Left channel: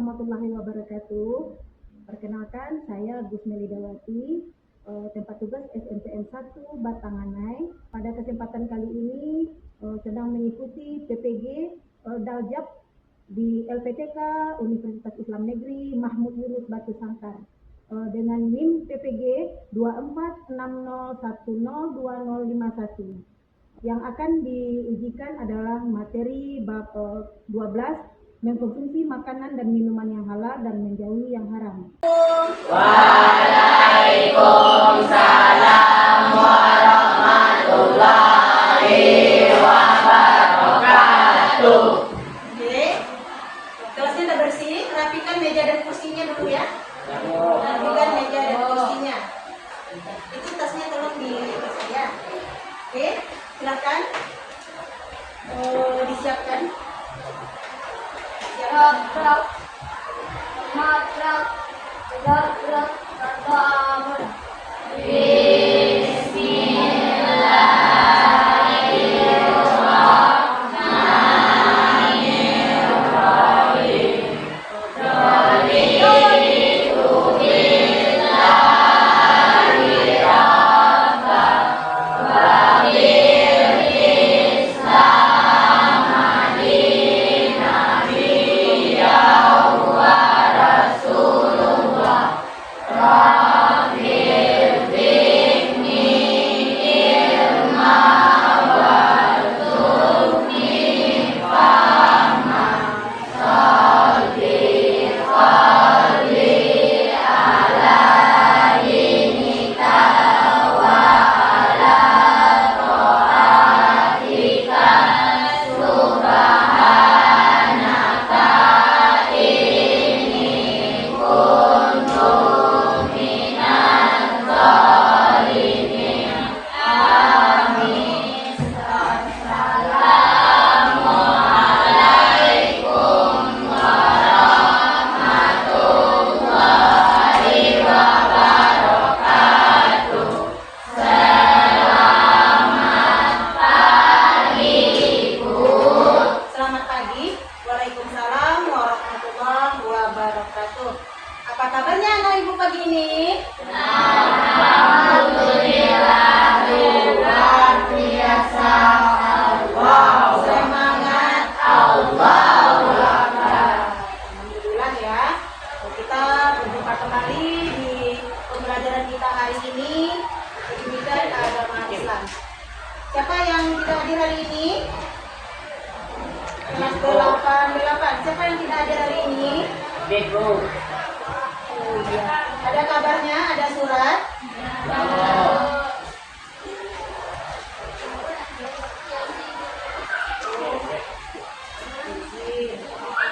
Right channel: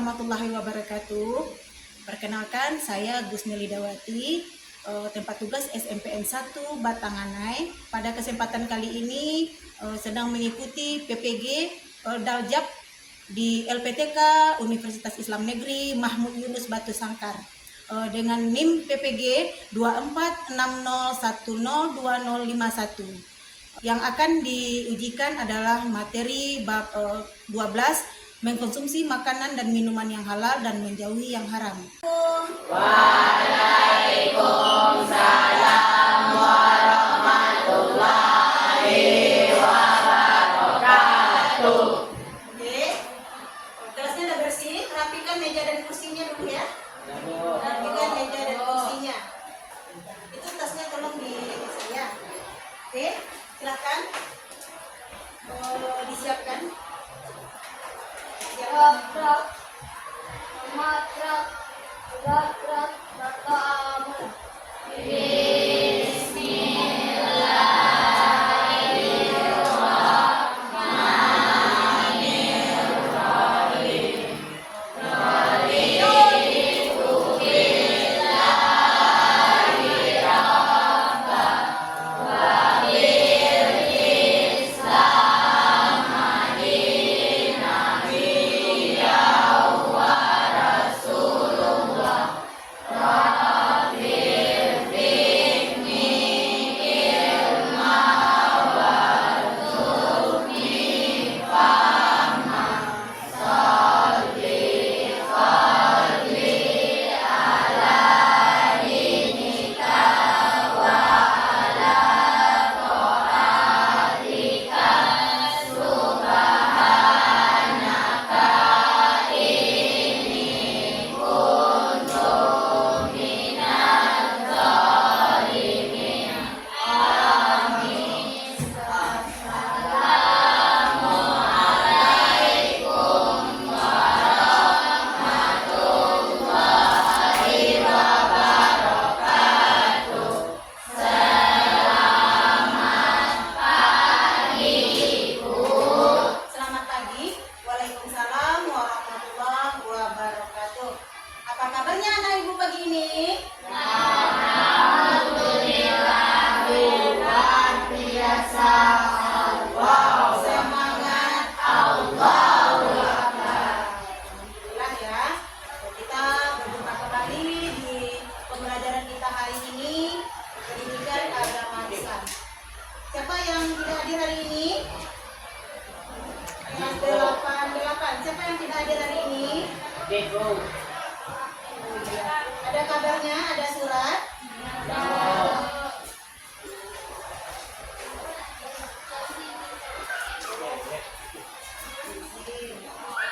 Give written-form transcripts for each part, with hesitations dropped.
warahmatullahi wabarakatuh. Perkenalkan, saya Gusni Lidawati, tempat tugas SMPN 1 Batanganai. Pada kesempatan kali ini sedang mengikuti PPG Daljab di LPTK Universitas Islam Negeri Mahmud Yunus Batu Sangkar dengan NIM PPG 2460102051. Yang akan diujikan adalah materi bab 12, mengkonsumsi makanan dan minuman yang halal dan menjauhi yang haram. Waalaikumsalam warahmatullahi wabarakatuh. Oke, kelasnya udah bersih. Rapikan meja dan kursinya dulu ya. Rapikan meja dan kursinya. Itu tasnya tolong dilihat saja. Oke, silakan disiapkan. Apa kabarnya anak ibu pagi ini? Alhamdulillah, luar biasa. Wow, Semangat. Allahu Akbar. Alhamdulillah ya. Kita berjumpa kembali di pembelajaran kita hari ini, pendidikan agama Islam. Siapa yang tidak hadir hari ini? Kelas 8. Siapa yang tidak hadir hari ini? Biru. Oh iya. Ada kabarnya, ada surat.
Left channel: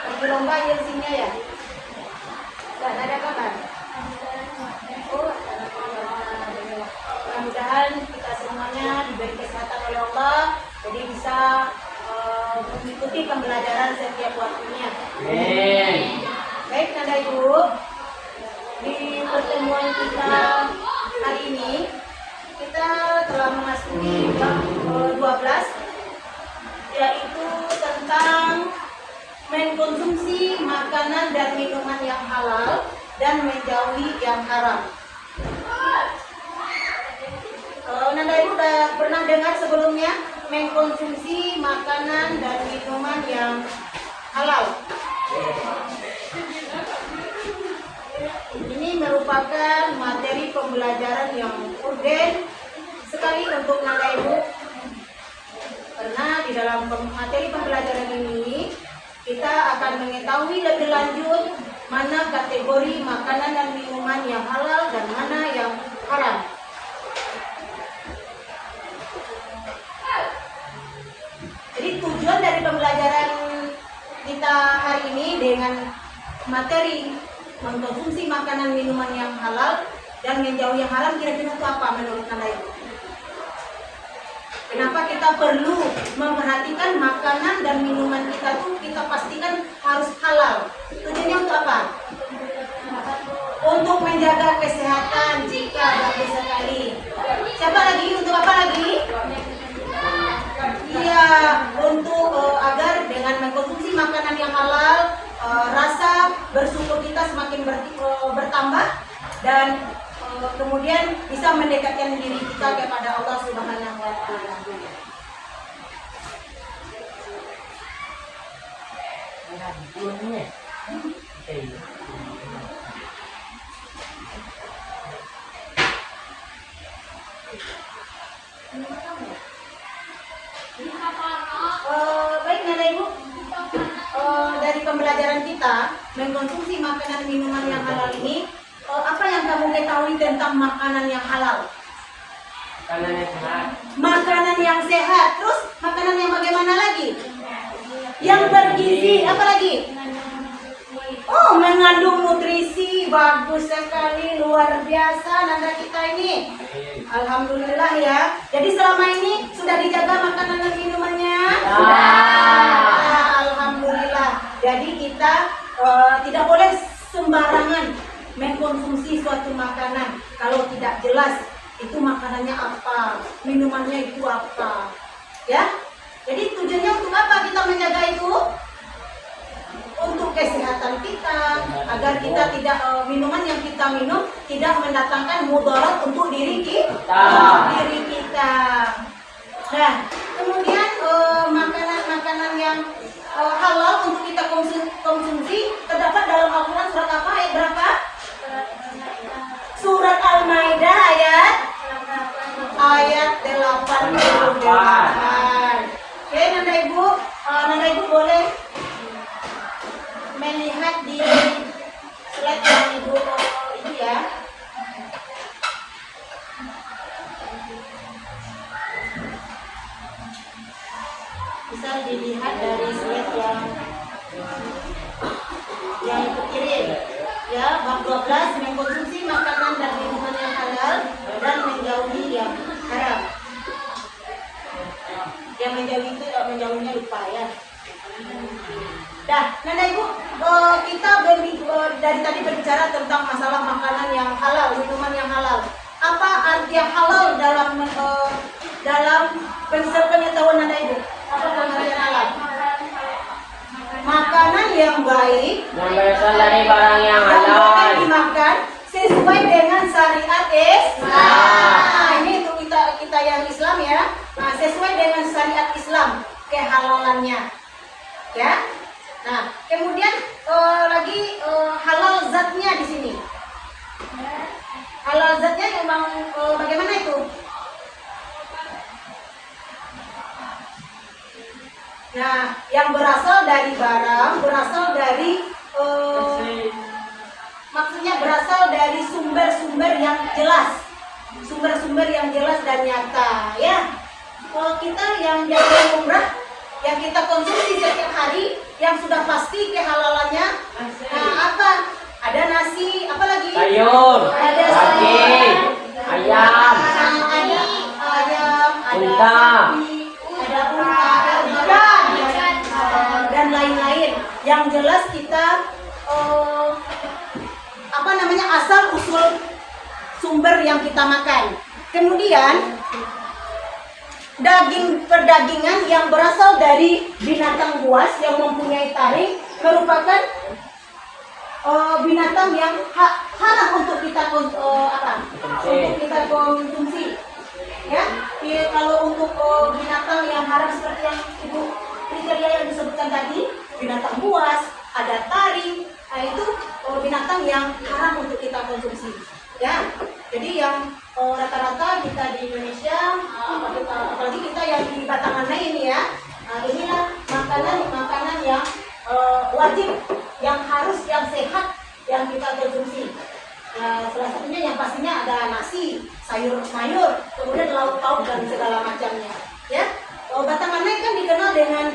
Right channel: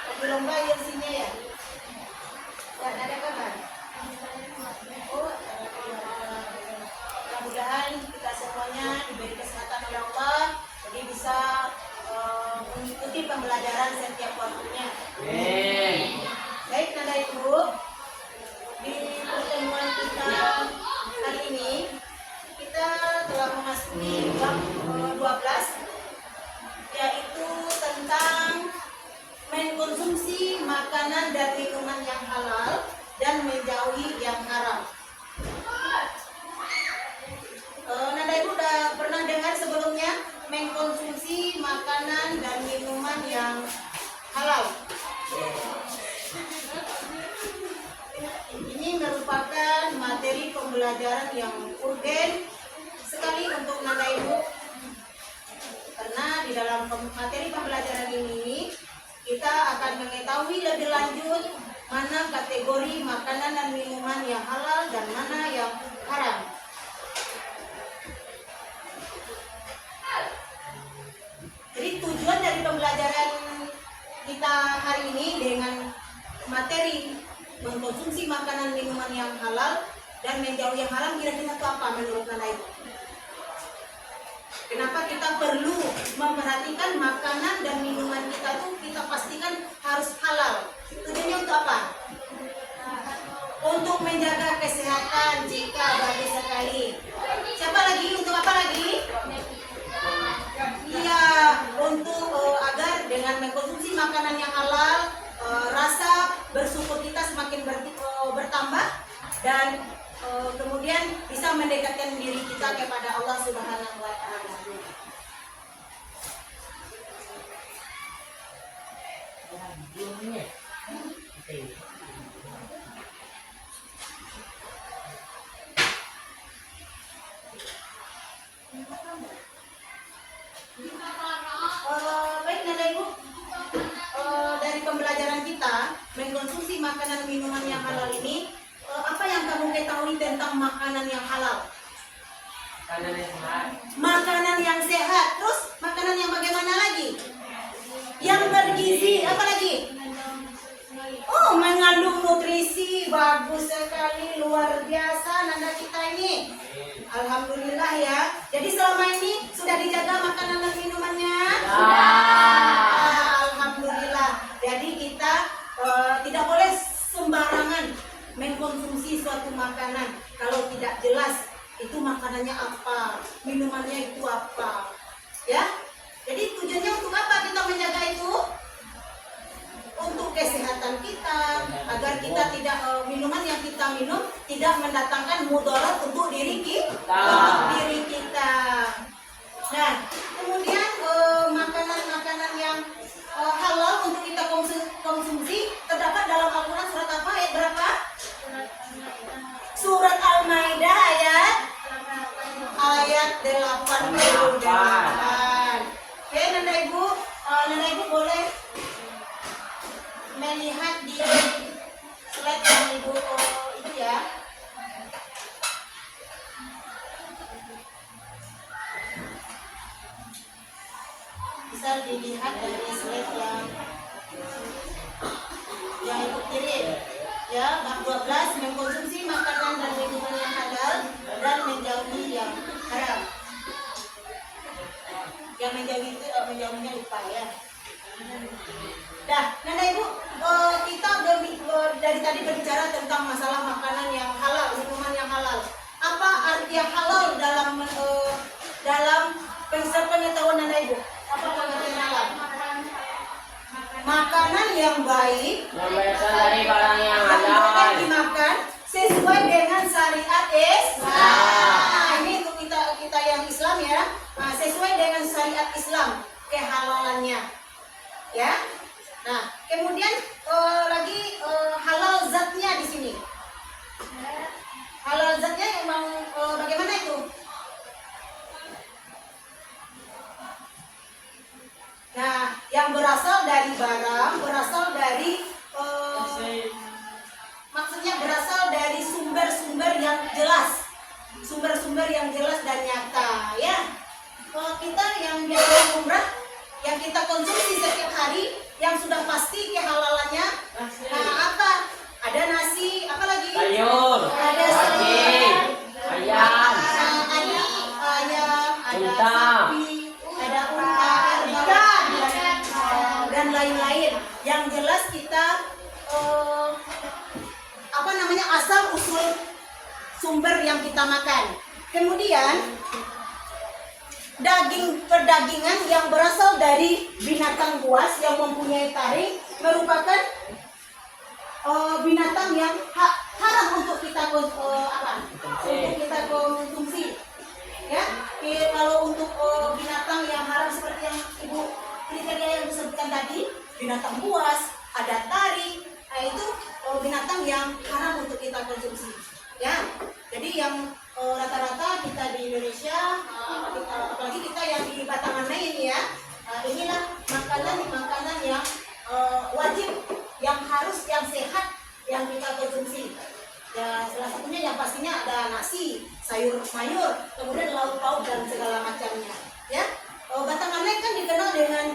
Lagi lomba ilsinya ya? Dan ada kabar. Oh, ada kabar. Mudah-mudahan kita semuanya diberi kesehatan oleh Allah, jadi bisa mengikuti pembelajaran setiap waktunya. Amin. Baik, Nanda Ibu, di pertemuan kita hari ini kita telah memasuki bab 12, yaitu tentang mengkonsumsi makanan dan minuman yang halal dan menjauhi yang haram. Nanda Ibu udah pernah dengar sebelumnya mengkonsumsi makanan dan minuman yang halal? Ini merupakan materi pembelajaran yang urgen sekali untuk Nanda Ibu, karena di dalam materi pembelajaran ini kita akan mengetahui lebih lanjut mana kategori makanan dan minuman yang halal dan mana yang haram. Jadi tujuan dari pembelajaran kita hari ini dengan materi mengkonsumsi makanan minuman yang halal dan menjauhi yang haram kira-kira itu apa menurut Nanda Ibu? Kenapa kita perlu memperhatikan makanan dan minuman kita tuh kita pastikan harus halal? Tujuannya untuk apa? Untuk menjaga kesehatan, jika bagus sekali. Siapa lagi? Untuk apa lagi? Iya, untuk agar dengan mengkonsumsi makanan yang halal rasa dan kemudian bisa mendekatkan diri kita kepada Allah Subhanahu wa taala. Baik Nana Ibu, dari pembelajaran kita mengkonsumsi makanan minuman yang halal ini, apa yang kamu ketahui tentang makanan yang halal? Makanan yang sehat. Makanan yang sehat, terus makanan yang bagaimana lagi? Yang bergizi, apa lagi? Oh, mengandung nutrisi, bagus sekali, luar biasa Nanda kita ini. Alhamdulillah ya. Jadi selama ini sudah dijaga makanan dan minumannya? Alhamdulillah. Jadi kita tidak boleh sembarangan mengkonsumsi suatu makanan kalau tidak jelas itu makanannya apa, minumannya itu apa. Ya. Jadi tujuannya untuk apa kita menjaga itu? Untuk kesehatan kita, agar kita tidak minuman yang kita minum tidak mendatangkan mudarat untuk diri kita. Nah, kemudian makanan-makanan yang halal untuk kita konsumsi terdapat dalam Al-Quran surat apa? Ayat berapa? Surat Al-Maidah ayat 88. Oke, Nanda Ibu boleh melihat di slide yang Ibu itu ya. Bisa dilihat dari slide yang Ibu kirim. Ya, bab 12 mengkonsumsi makanan dan minuman yang halal dan menjauhi yang haram. Yang menjauhi itu menjauhinya lupa ya. Dah, Nanda Ibu, kita dari tadi berbicara tentang masalah makanan yang halal, minuman yang halal. Apa arti halal dalam pengetahuan Nanda Ibu? Apa pengertian halal? Makanan yang baik, Yang berasal dari barang yang yang boleh halal. dimakan sesuai dengan syariat Islam. Nah, ini untuk kita yang Islam ya. Nah, sesuai dengan syariat Islam kehalalannya. Ya. Nah, kemudian lagi halal zatnya di sini. Halal zatnya yang bagaimana itu? Nah, yang berasal dari barang, berasal dari maksudnya berasal dari sumber-sumber yang jelas, sumber-sumber yang jelas dan nyata. Ya, kita yang jadi umrah, yang kita konsumsi setiap hari, yang sudah pasti kehalalannya. Nah, apa? Ada nasi, apa lagi? Sayur, Ada daging, ayam, ada ayam, ada unta. sapi, ada unta, ikan, dan lain-lain. Yang jelas kita asal usul sumber yang kita makan. Kemudian daging perdagingan yang berasal dari binatang buas yang mempunyai taring merupakan binatang yang haram untuk kita konsumsi. Ya, kalau untuk binatang yang haram seperti yang Ibu kriteria yang disebutkan tadi, binatang buas, ada taring, itu binatang yang haram untuk kita konsumsi. Ya, jadi yang rata-rata kita di Indonesia, apalagi kita yang di Batanganai ini ya, inilah makanan yang wajib, yang harus, yang sehat yang kita konsumsi. Salah satunya yang pastinya ada nasi, sayur mayur, kemudian lauk pauk dan segala macamnya. Ya, Batanganai kan dikenal dengan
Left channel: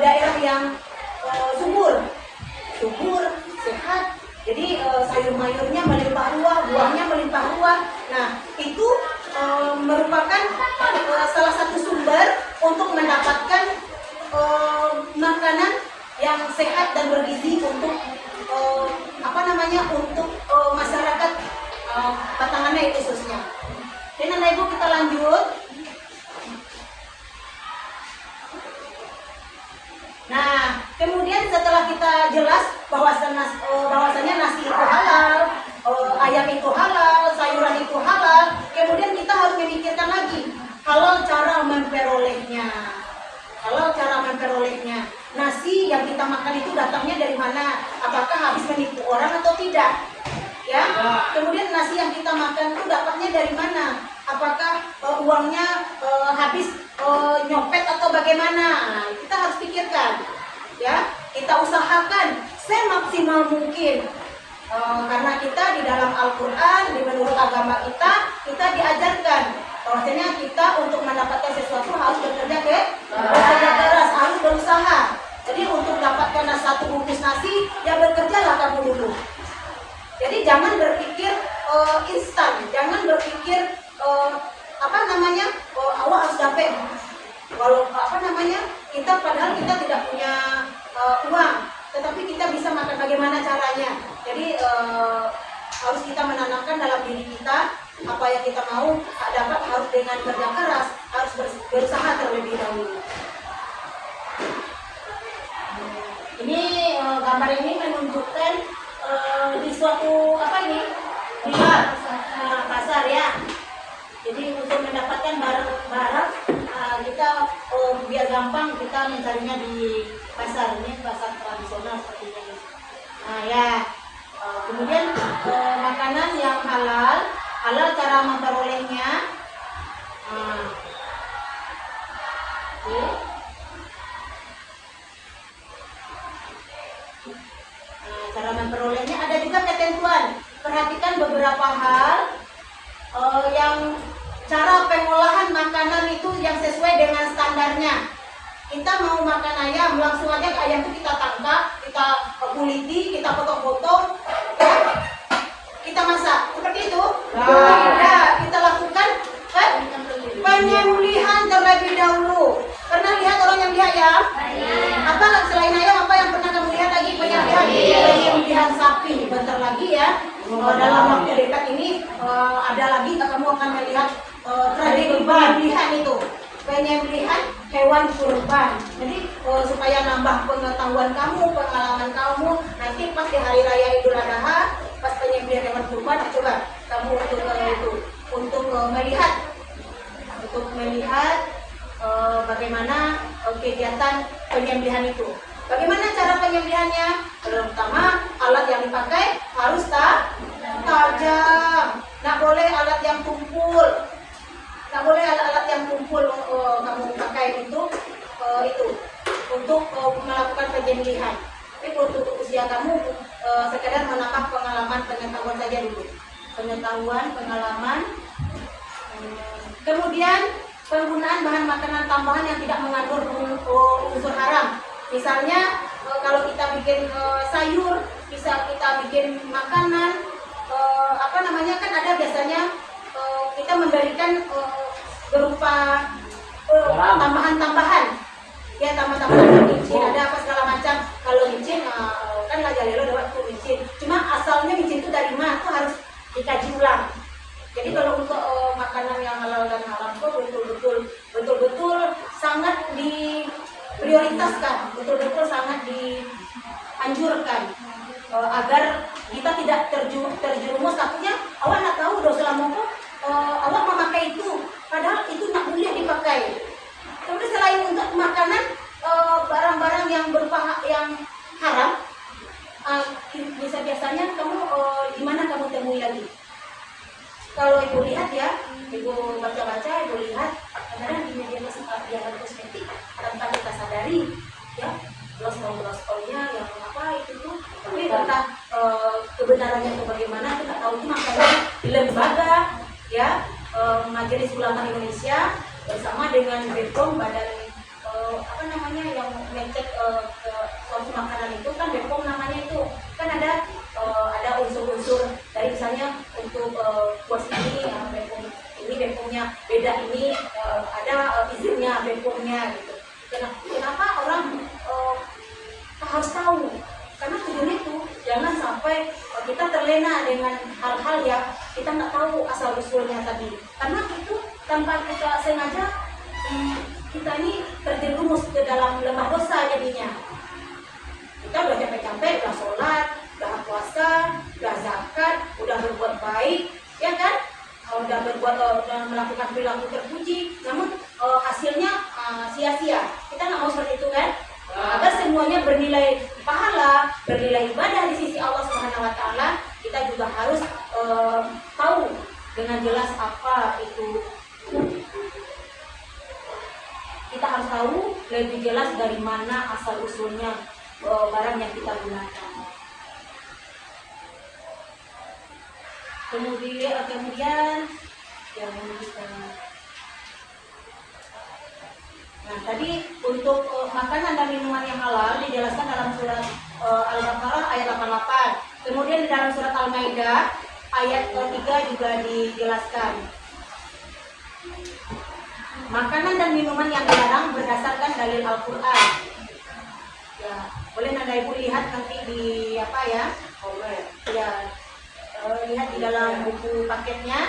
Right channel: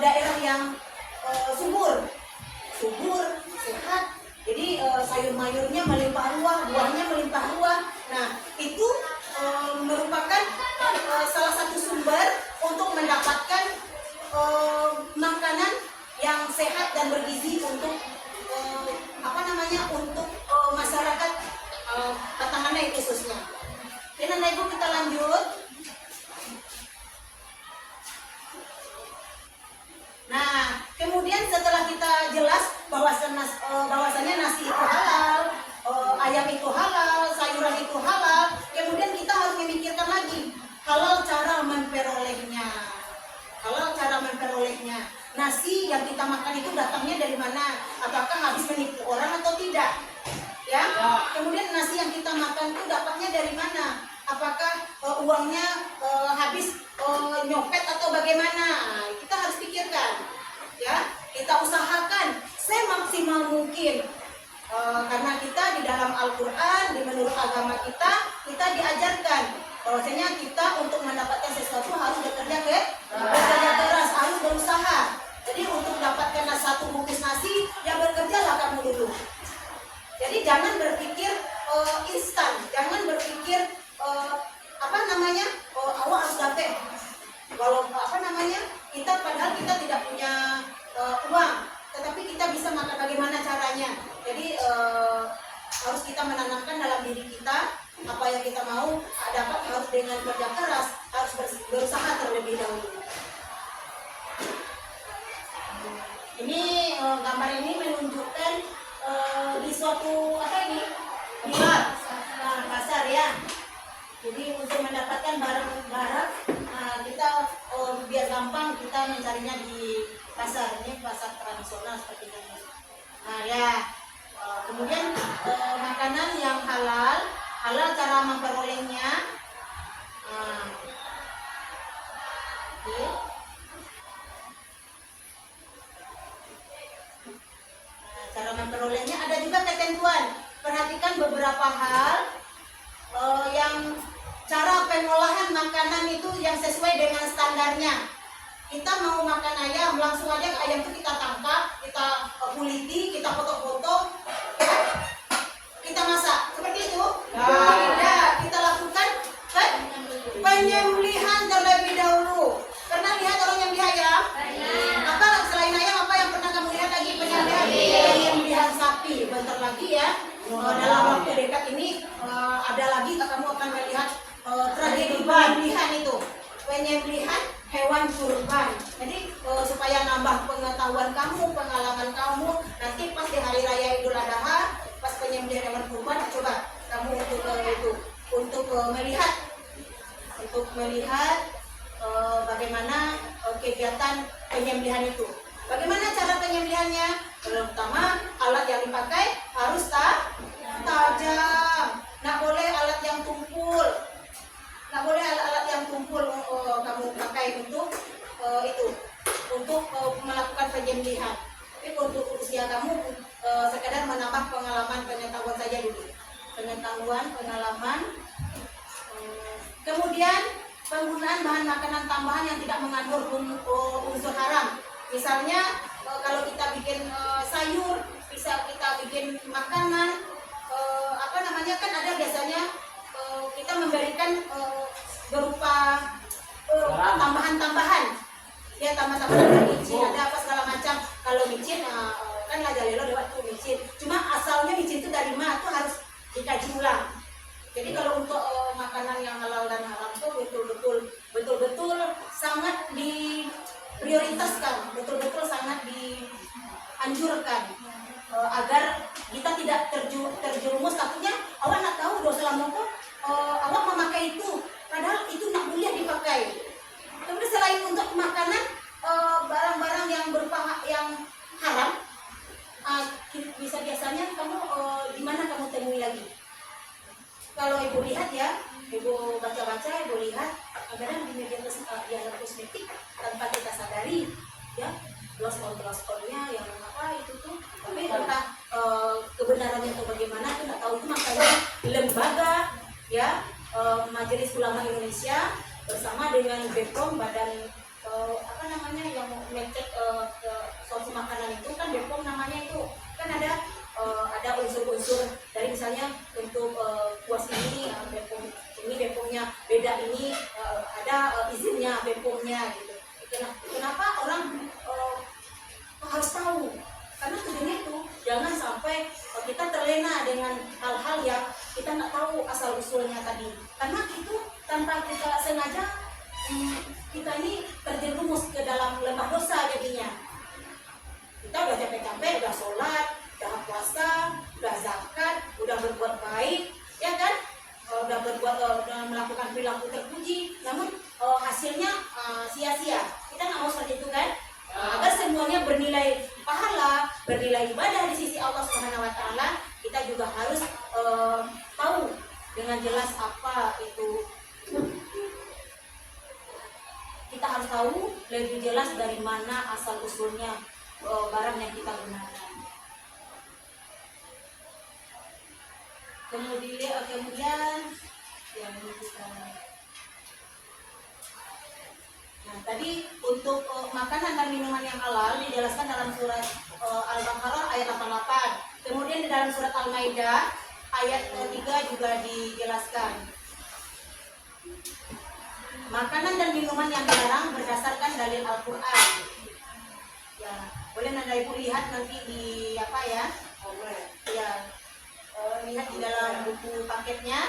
daerah yang subur, sehat. Jadi sayur mayurnya melimpah ruah, buahnya melimpah ruah. Nah, itu merupakan salah satu sumber untuk mendapatkan makanan yang sehat dan bergizi untuk untuk masyarakat Batanganai khususnya. Dan Ibu kita lanjut. Nah, kemudian setelah kita jelas bahwasanya nasi itu halal, ayam itu halal, kita makan itu datangnya dari mana, apakah habis menipu orang atau tidak, ya. Kemudian nasi yang kita makan itu dapatnya dari mana, apakah uangnya habis nyopet atau bagaimana. Nah, kita harus pikirkan, ya. Kita usahakan semaksimal mungkin. Karena kita di dalam Al-Quran, menurut agama kita diajarkan bahwasanya kita untuk mendapatkan sesuatu harus bekerja keras, harus berusaha. Jadi untuk mendapatkan satu bungkus nasi, ya bekerjalah kamu dulu. Jadi jangan berpikir instan, jangan berpikir awak harus dapat. Walau kita padahal kita tidak punya uang, tetapi kita bisa makan, bagaimana caranya. Jadi harus kita menanamkan dalam diri kita apa yang kita mau dapat harus dengan kerja keras, harus berusaha terlebih dahulu. Ini gambar ini menunjukkan di suatu di pasar, ya. Jadi untuk mendapatkan barang-barang kita biar gampang kita mencarinya di pasar. Ini pasar tradisional seperti ini. Nah, ya. Kemudian makanan yang halal cara memperolehnya. Cara memperolehnya ada juga ketentuan. Perhatikan beberapa hal yang cara pengolahan makanan itu yang sesuai dengan standarnya. Kita mau makan ayam, langsung aja ke ayam itu kita tangkap, kita kuliti, kita potong-potong, ya, kita masak. Seperti itu. Nah, kita lakukan penyembelihan terlebih dahulu. Pernah lihat orang nyembelih ayam? Apa selain ayam, apa yang pernah kamu lihat lagi penyembelihan sapi? Bentar lagi, ya. Dalam waktu dekat ini ada lagi kamu akan melihat tradisi penyembelihan itu. Penyembelihan hewan kurban. Jadi supaya nambah pengetahuan kamu, pengalaman kamu, nanti pas di hari raya Idul Adha, pas penyembelihan hewan kurban, coba kamu untuk melihat bagaimana kegiatan penyembelihan itu. Bagaimana cara penyembelihannya? Pertama, alat yang dipakai harus tajam. Nggak boleh alat yang tumpul. Nggak boleh alat-alat yang tumpul kamu pakai untuk melakukan penyembelihan. Tapi untuk usia kamu sekedar menambah pengetahuan saja dulu. Pengalaman. Kemudian penggunaan bahan makanan tambahan yang tidak mengandung unsur haram. Misalnya kalau kita bikin sayur, bisa kita bikin makanan kan ada biasanya kita memberikan berupa tambahan-tambahan, ya, tambahan micin, ada apa segala macam. Kalau micin kan lajalelo dapat tuh micin, cuma asalnya micin itu dari mana tuh harus dikaji ulang. Jadi kalau untuk makanan yang halal dan haram tuh betul-betul sangat diprioritaskan, betul-betul sangat dianjurkan agar kita tidak terjerumus. Takutnya awak nak tahu dosa lama kok awak memakai itu, padahal itu nak boleh dipakai. Kemudian selain untuk makanan, barang-barang yang berupa yang haram, biasanya kamu di mana kamu temui lagi? Kalau ibu lihat, ya, ibu baca-baca, ibu lihat kadang di media kosmetik tanpa kita sadari, ya, gloss-nya yang itu tuh, tapi entah kebenarannya itu bagaimana, kita tahu itu makanya lembaga, ya, Majelis Ulama Indonesia bersama dengan BPOM, badan yang ngecek konsumsi makanan itu kan BPOM namanya itu kan ada unsur-unsur dari misalnya untuk kuas ini BPOM-nya beda, ini ada izinnya BPOM-nya gitu. Kenapa orang harus tahu? Karena tujuannya itu jangan sampai kita terlena dengan hal-hal yang kita nggak tahu asal usulnya tadi. Karena itu tanpa kita sengaja kita ini terjerumus ke dalam lembah dosa jadinya. Kita udah capek-capek, udah sholat, udah puasa, udah zakat, udah berbuat baik, ya kan? Udah melakukan perilaku terpuji, namun hasilnya sia-sia. Kita nggak mau seperti itu, kan? Agar semuanya bernilai beribadah di sisi Allah Subhanahu wa taala, kita juga harus tahu dengan jelas apa itu. Kita harus tahu lebih jelas dari mana asal usulnya barang yang kita gunakan. Kemudian yang kita. Nah, tadi untuk makanan dan minuman yang halal dijelaskan dalam surat Al-Baqarah ayat 88. Kemudian di dalam surat Al-Maidah ayat 3 juga dijelaskan. Makanan dan minuman yang dilarang berdasarkan dalil Al-Quran. Ya, boleh Nanda Ibu lihat nanti di apa ya? Ya, lihat di dalam buku paketnya.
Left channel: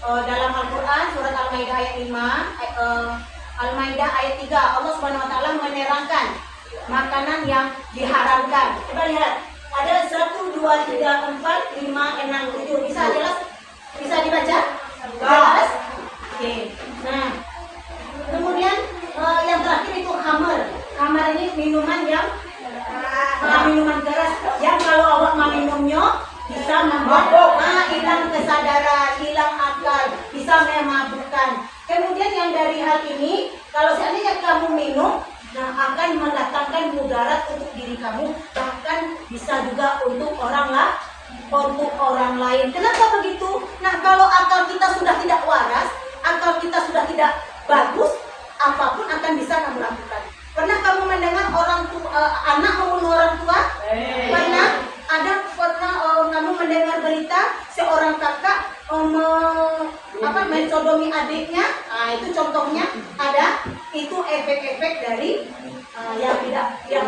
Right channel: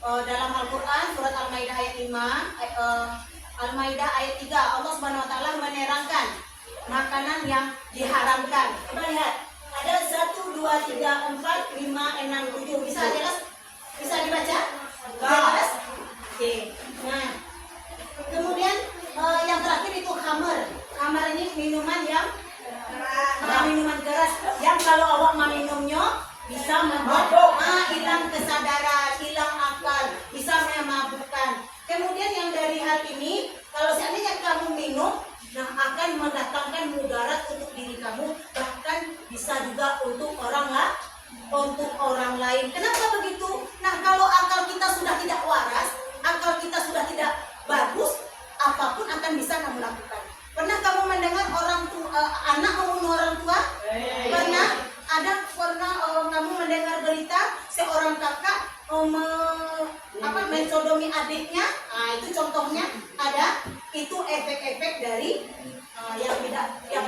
Dalam Al-Quran surat Al-Maidah ayat 5, Al-Maidah ayat 3, Allah Subhanahu wa taala menerangkan makanan yang diharamkan. Coba lihat. Ada 1 2 3 4 5 6 7. Bisa jelas? Bisa dibaca? Jelas? Oke. Nah, kemudian yang terakhir itu khamar. Khamar ini minuman yang minuman keras yang kalau awak meminumnya bisa membuat hilang kesadaran, hilang akal, bisa memabukkan. Kemudian yang dari hal ini, kalau seandainya kamu minum, nah akan mendatangkan mudarat untuk diri kamu, bahkan bisa juga untuk orang lain. Kenapa begitu? Nah, kalau akal kita sudah tidak waras, akal kita sudah tidak bagus, apapun akan bisa kamu lakukan. Pernah kamu mendengar anak membunuh orang tua? Pernah? Pernah kamu mendengar berita seorang kakak mensodomi adiknya? Nah, itu contohnya ada. Itu efek-efek dari yang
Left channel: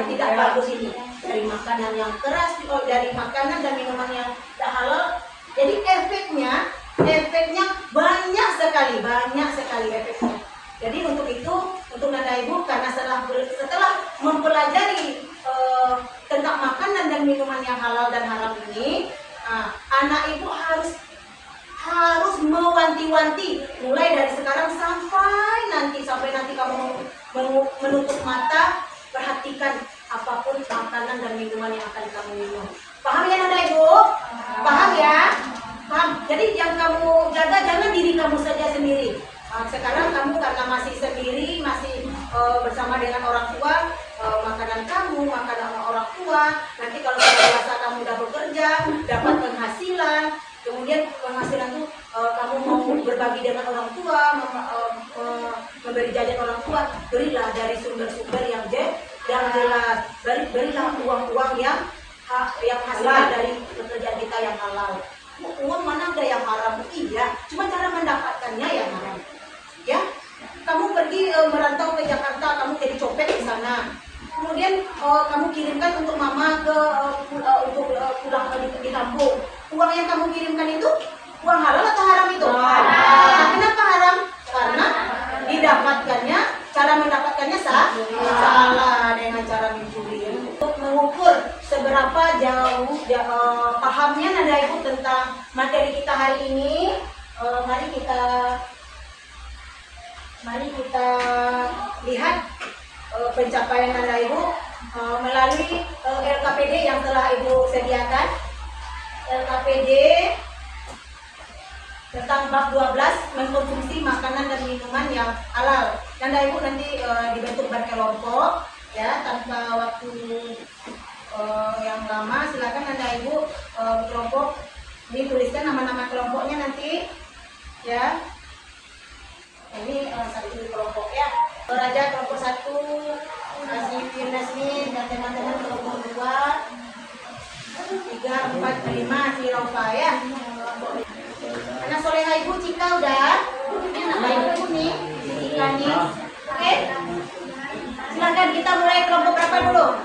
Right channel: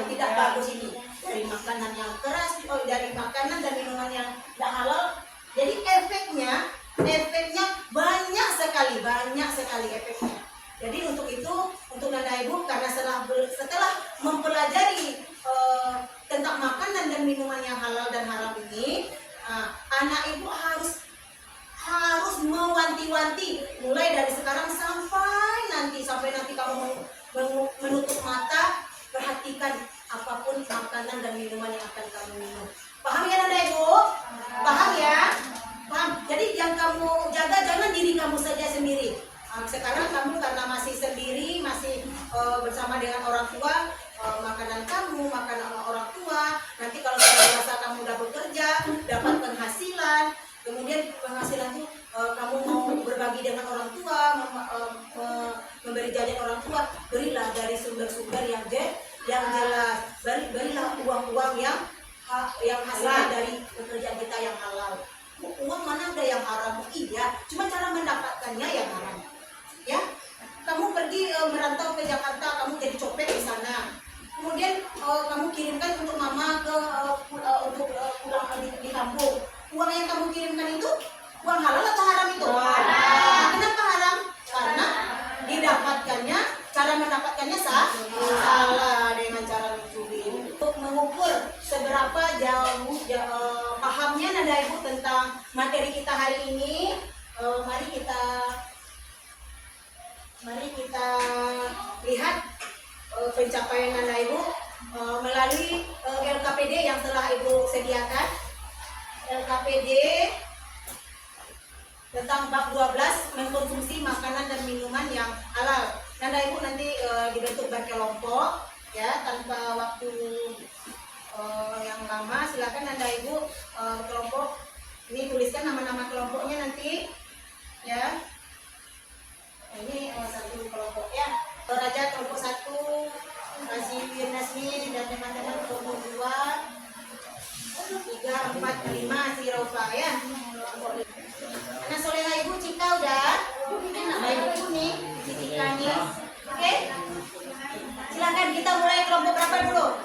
tidak bagus ini, dari makanan yang keras, dari makanan dan minuman yang tidak halal. Jadi efeknya banyak sekali efeknya. Jadi untuk itu, untuk Nanda Ibu, karena setelah mempelajari tentang makanan dan minuman yang halal dan haram ini, anak ibu harus mewanti-wanti mulai dari sekarang sampai nanti kamu menutup mata, perhatikan apapun makanan dan minuman yang akan kamu minum. Paham ya Nanda Ibu? Paham ya? Paham. Jadi yang kamu jaga jangan diri kamu saja sendiri. Sekarang kamu karena masih sendiri, masih bersama dengan orang tua, makanan kamu, makanan orang tua. Nanti kalau sudah dewasa kamu udah bekerja, dapat penghasilan, kemudian penghasilan itu kamu mau berbagi dengan orang tua, memberi jajan orang tua, berilah dari sumber-sumber yang jelas. Berilah uang-uang yang hasil dari pekerjaan kita yang halal. Uang mana ada yang haram? Iya, cuma cara mendapatkannya yang haram. Ya, kamu pergi merantau ke Jakarta, kamu jadi copet di sana. Kemudian kamu kirimkan untuk mama untuk pulang di kampung. Uang yang kamu kirimkan itu uang halal atau haram itu? Nah, kenapa haram? Karena cara mendapatkannya salah dengan cara mencuri. Untuk mengukur seberapa jauh pahamnya Nanda Ibu tentang materi kita hari ini, mari kita lihat pencapaian Nanda Ibu melalui LKPD yang telah Ibu sediakan. LKPD tentang bab 12 mengkonsumsi makanan dan minuman yang halal. Nanda Ibu nanti dibentuk berkelompok ya, tanpa waktu yang lama. Silakan Nanda Ibu kelompok ini tuliskan nama-nama kelompoknya nanti ya. Ini satu kelompok ya. Raja kelompok 1, Nasmin dan teman-teman kelompok 2, 3, 4, 5 si Raufa ya. Anak soleha Ibu Cika udah. Ini anak Ibu nih, si Cika nih. Oke. Silakan kita mulai kelompok berapa dulu?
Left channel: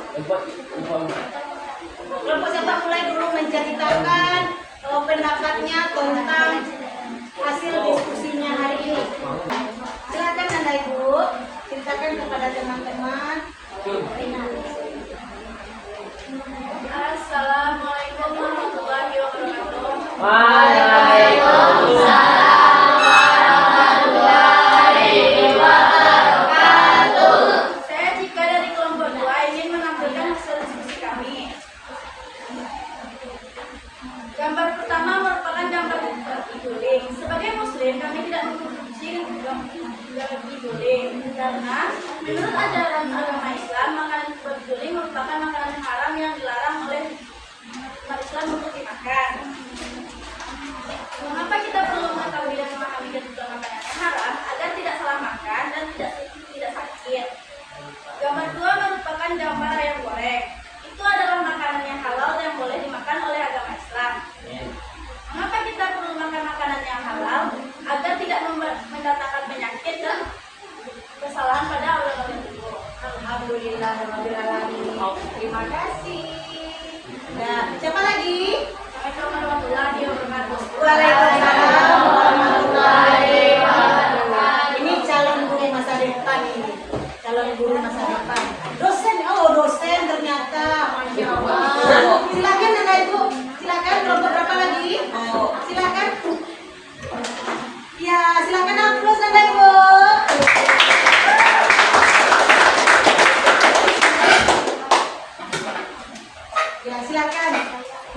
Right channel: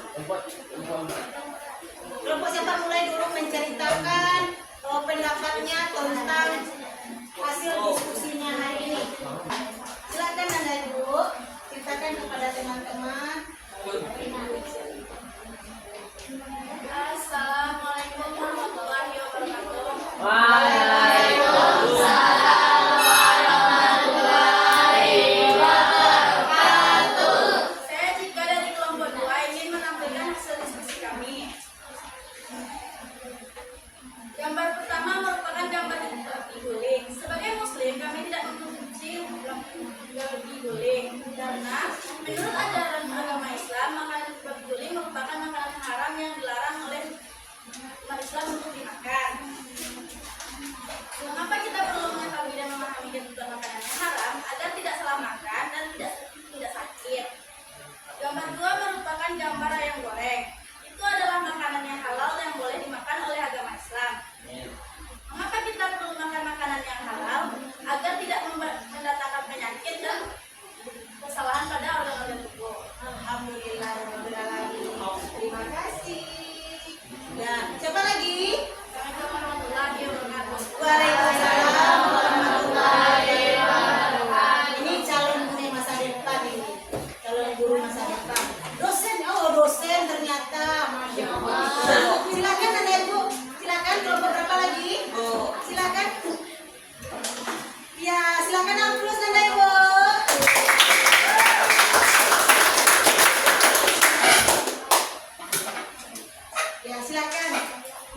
Kelompok siapa mulai dulu menceritakan pendapatnya tentang hasil diskusinya hari ini. Silakan Nanda Ibu ceritakan kepada teman-teman. Assalamualaikum warahmatullahi wabarakatuh. Waalaikumsalam warahmatullahi wabarakatuh. Saya Cika dari kelompok 2 ingin menampilkan hasil diskusi kami. silakan.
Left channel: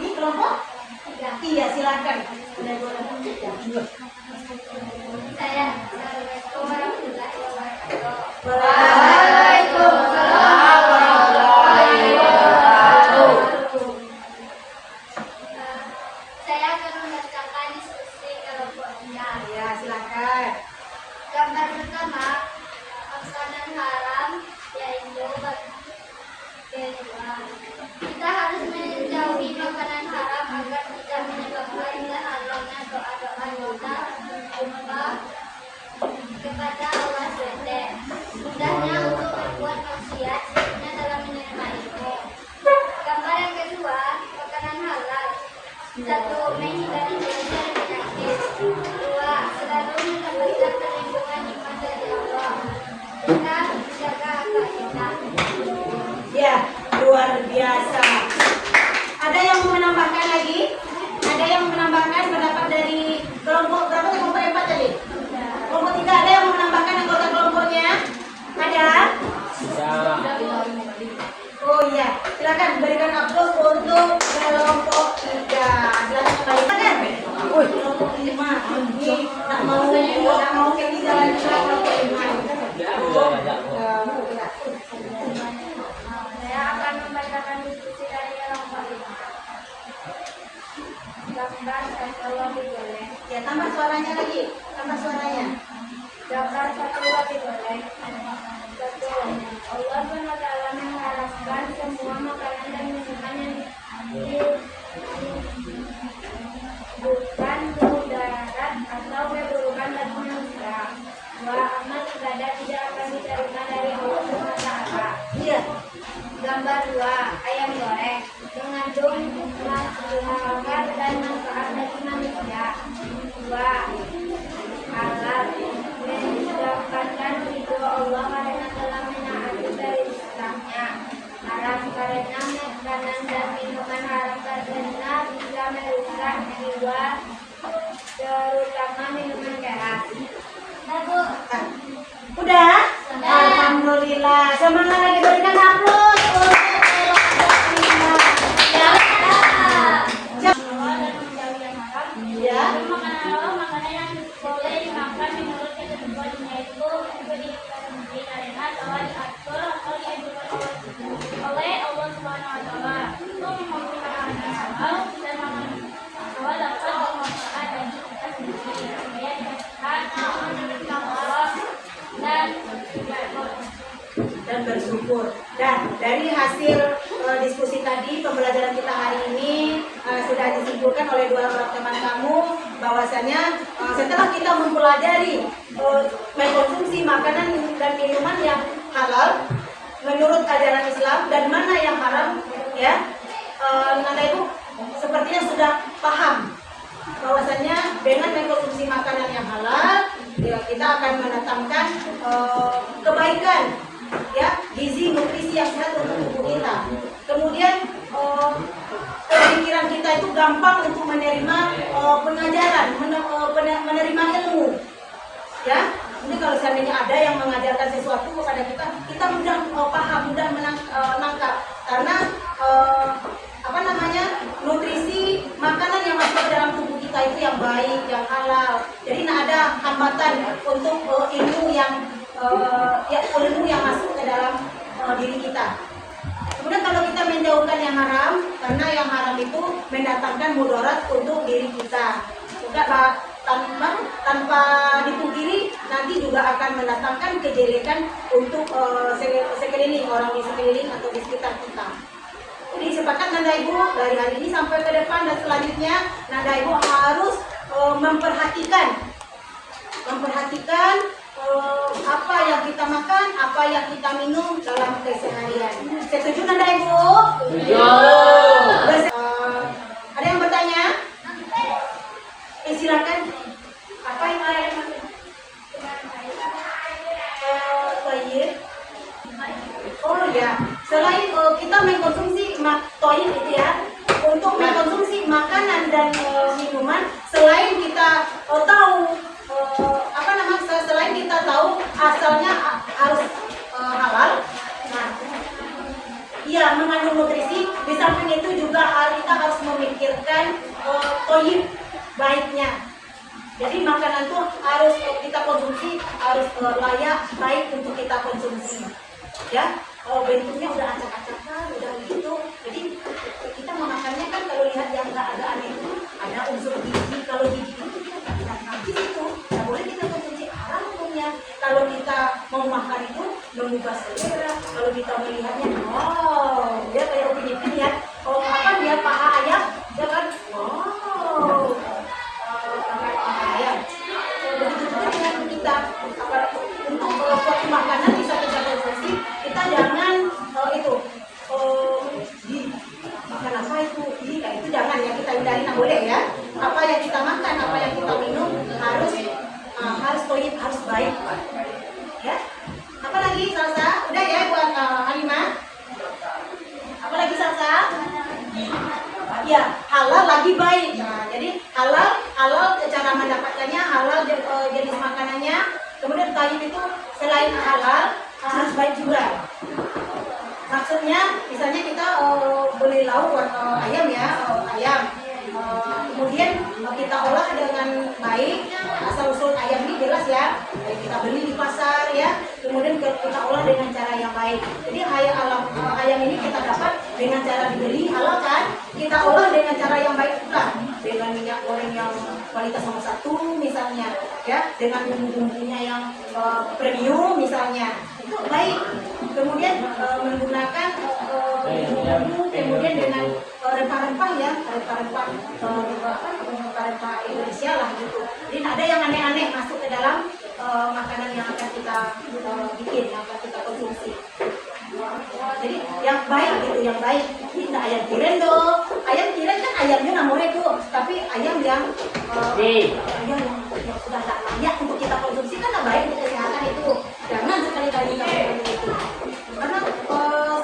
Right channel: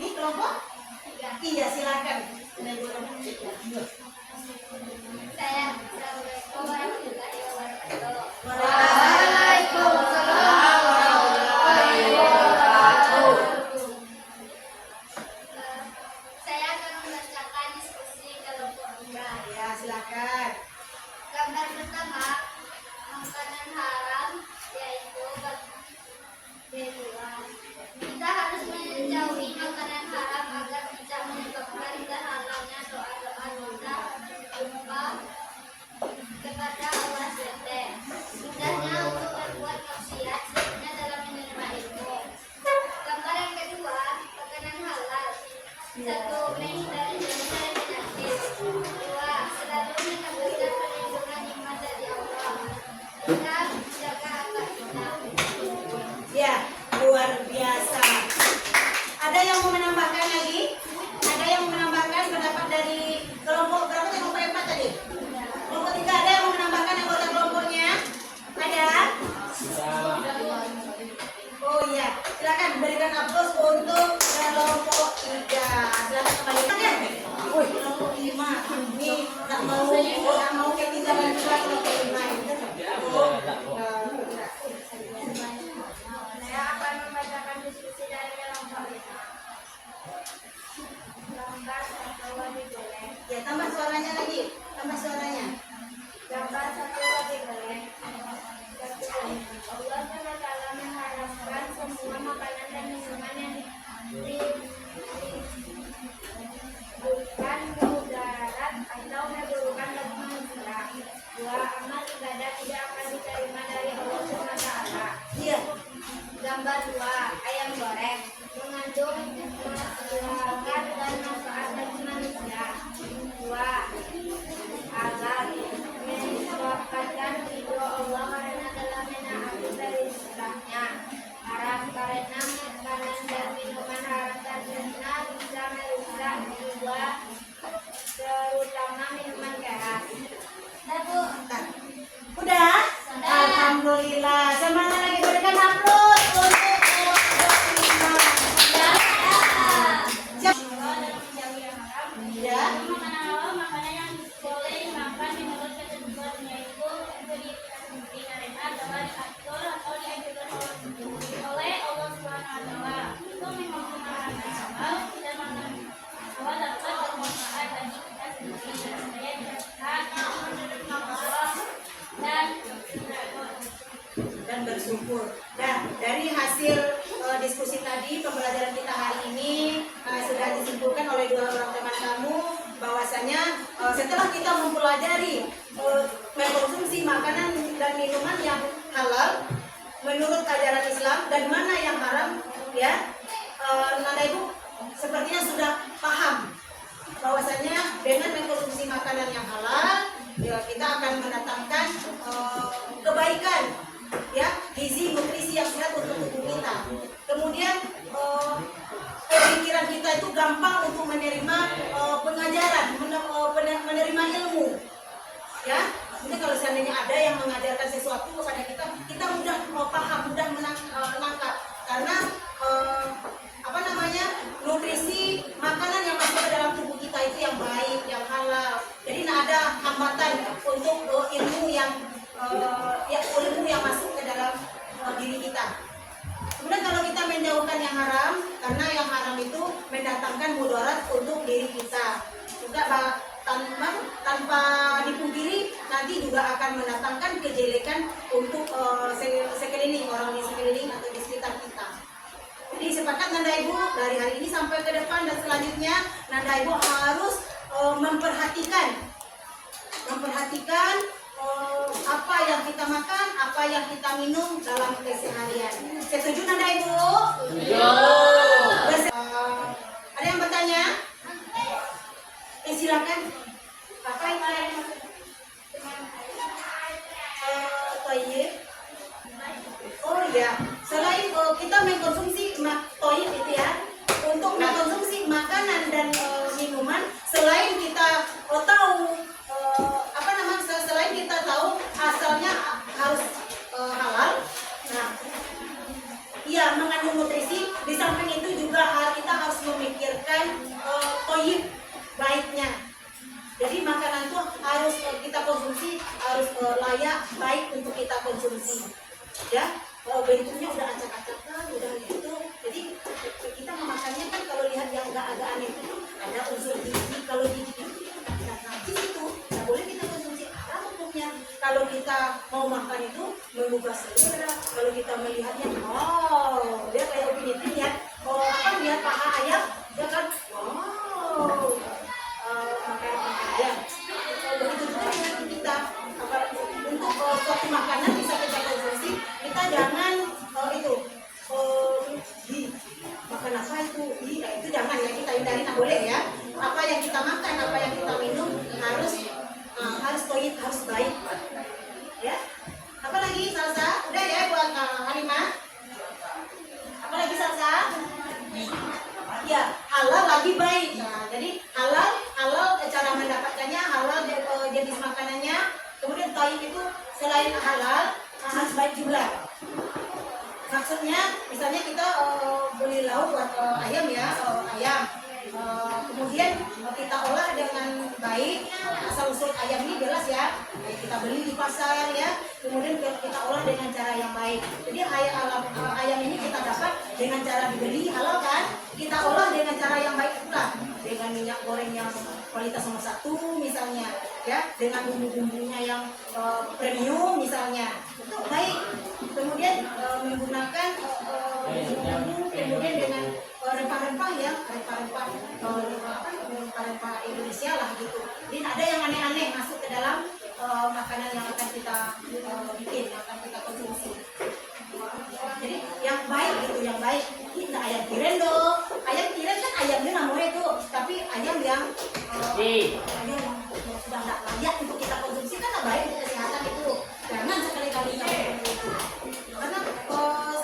Ini kelompok? Iya, silakan. Saya Assalamualaikum warahmatullahi wabarakatuh. Waalaikumsalam warahmatullahi wabarakatuh. Saya akan membacakan diskusi kelompok kita. Ya, silakan. Gambar pertama, makanan haram yaitu kedua. Kita harus menjauhi makanan haram agar tidak menyebabkan terhalangnya doa-doa kita kepada Allah SWT. Mudahnya untuk berbuat maksiat, sulitnya dalam menerima ilmu. Gambar yang kedua, makanan halal. Satu, menghindari dosa dan penyakit. Dua, selalu mendapatkan perlindungan iman dari Allah. Kita menjaga akal kita. Ya, luar biasa. Ada yang mau menambahkan lagi? Ada yang mau menambahkan pendapat dari kelompok berapa? Kelompok 4 tadi? Kelompok 3 ada yang mau menambahkan anggota kelompoknya? Ada? Oh iya, silakan berikan aplaus untuk kelompok 3. Silakan kembalikan. Wih, kelompok 5 ini tak mau kayak di jalan kelompok 5. Saya akan membacakan diskusi dari kelompok 5. Gambar satu roti boleh. Ya, tambah suaranya lagi. Tambah suaranya. Gambar satu roti boleh. Satu, Allah SWT mengharapkan semua makanan dan minuman yang bukan mudarat atau keburukan bagi manusia. Dua, amal ibadah tidak akan diterima dari Allah SWT. Iya. Gambar 2, ayam goreng mengandung maslahat dan manfaat bagi manusia. 2, halal mendapatkan ridho Allah karena telah menaati perintahnya. Haram karena makanan dan minuman haram karena bisa merusak jiwa, terutama minuman keras. Udah? Alhamdulillah. Semangat lagi, berikan aplaus untuk ya. Makanan halal makanan yang boleh dimakan menurut ketentuan yaitu diberi karena telah diatur atau dianjurkan oleh Allah Subhanahu wa taala. Untuk memiliki makanan halal dan makanan halal dapat bermanfaat bagi kita sendiri supaya dihasilkan Allah Dan bersyukur. Dan dari hasil diskusi tadi, pembelajaran kita hari ini sudah disimpulkan oleh dua orang teman kamu bahwasanya setelah kita mempelajari mengkonsumsi makanan dan minuman yang halal menurut ajaran Islam dan mana yang haram, ya, Nanda Ibu sepertinya sudah paham bahwasanya dengan mengkonsumsi makanan yang halal ya, kita akan mendatangkan kebaikan, ya, gizi nutrisi yang sehat untuk tubuh kita. Kemudian pikiran kita itu gampang untuk menerima pengajaran, menerima ilmu, ya. Ini kalau seandainya ada yang mengajarkan sesuatu kepada kita, kita mudah paham, mudah menangkap karena nutrisi makanan yang masuk ke dalam tubuh kita itu yang baik, yang halal. Jadi tidak ada hambatan untuk ilmu yang masuk ke dalam diri kita. Kemudian kalau kita menjauhkan yang haram, karena yang haram itu mendatangkan mudarat untuk diri kita. Enggak tanpa dipungkiri nanti juga akan mendatangkan kejelekan untuk sekeliling, orang di sekeliling atau di sekitar kita. Jadi sepakat Nanda Ibu dari hari ini sampai ke depan dan selanjutnya Nanda Ibu harus memperhatikan apa yang kita makan, apa yang kita minum dalam keseharian. Setuju Nanda Ibu? Setuju. Ada yang bertanya? Silakan. Apa yang ada? Oh ya, selain kita mengkonsumsi toyin itu ya, untuk mengkonsumsi makanan dan minuman, selain kita selain kita tahu asalnya harus halal, nah, iya mengandung nutrisi. Di samping itu juga toyib, baiknya. Jadi makanan tuh harus kita konsumsi harus layak, baik untuk kita konsumsi. Ya, bentuknya udah acak-acakan, udah gitu. Jadi kita memakannya kan kalau lihat yang nggak ada aneh itu ada unsur gizi. Kalau gizi itu kita tidak najis itu, nggak boleh kita konsumsi, haram hukumnya. Kalau kita mau makan itu mengubah selera. Kalau kita melihatnya, oh, dia kayak opini lihat, oh apa lihat paha ayam, ya kan, wow, paha ayam. Begitu juga dengan kita untuk suatu makanan bisa kita konsumsi, kita jangan itu makan apa itu, itu jangan ya, kita hindari, nggak boleh ya. Apa yang kita makan, apa yang kita minum harus toyib, harus baik. Ya. Apa lagi Salsa? Udah ya buat Halimah? Apa lagi Salsa? Ya, halal lagi baik. Nah, jadi halal cara mendapatkannya, halal jenis makanannya. Kemudian tayyib itu selain halal harus baik juga. Maksudnya misalnya kita beli lauk ayam ya, ayam. Kemudian kita olah dengan baik, asal usul ayam ini jelas ya, kita beli di pasar ya, kemudian kita olah dengan cara yang baik. Jadi ayam ini kita dapat dengan cara dibeli halal kan, kita olah dengan cara yang baik pula, dengan minyak goreng yang kualitas nomor 1 misalnya ya, dengan bumbu-bumbunya yang premium misalnya, itu baik. Kemudian menggunakan bumbu, kemudian dengan rempah-rempah ya, rempah-rempah Indonesia lah gitu. Jadi tidak ada yang aneh-aneh masuk ke dalam makanan yang akan kita bikin, yang akan kita konsumsi. Jadi yang baik gitu, yang baik. Ini tidak ayam tiren dong. Ayam tiren kan ayamnya namanya itu, tapi ayam yang yang sudah tidak layak untuk kita konsumsi kan tidak baik untuk kesehatan itu. Jangan sekali-kali kita konsumsi itu. Karena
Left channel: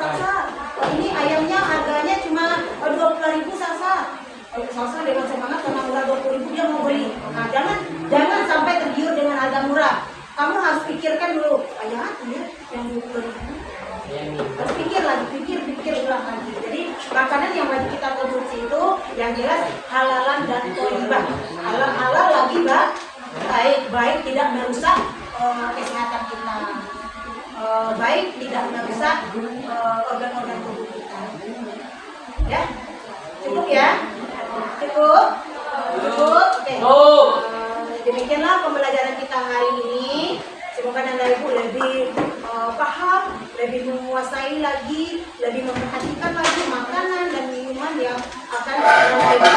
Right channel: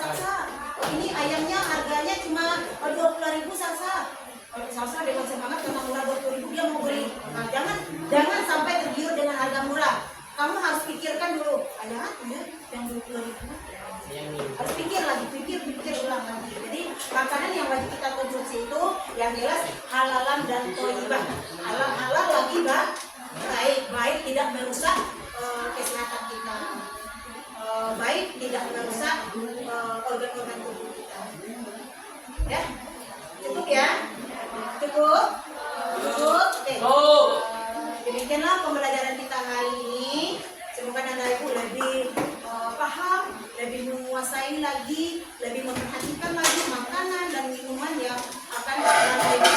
Salsa, ini ayamnya harganya cuma 20.000 Salsa. Salsa dengan semangat karena murah 20.000 dia mau beli. Nah, jangan sampai tergiur dengan harga murah. Kamu harus pikirkan dulu, ayam ya yang 20.000. Harus pikir lagi, pikir ulang lagi. Jadi makanan yang wajib kita konsumsi itu yang jelas halalan dan thayyibah. Halal lagi baik tidak merusak kesehatan kita. Baik tidak merusak organ-organ tubuh kita. Ya, cukup ya, cukup. Oke. Demikianlah pembelajaran kita hari ini. Semoga Anda Ibu lebih paham, lebih menguasai lagi, lebih memperhatikan lagi makanan dan minuman yang akan Anda Ibu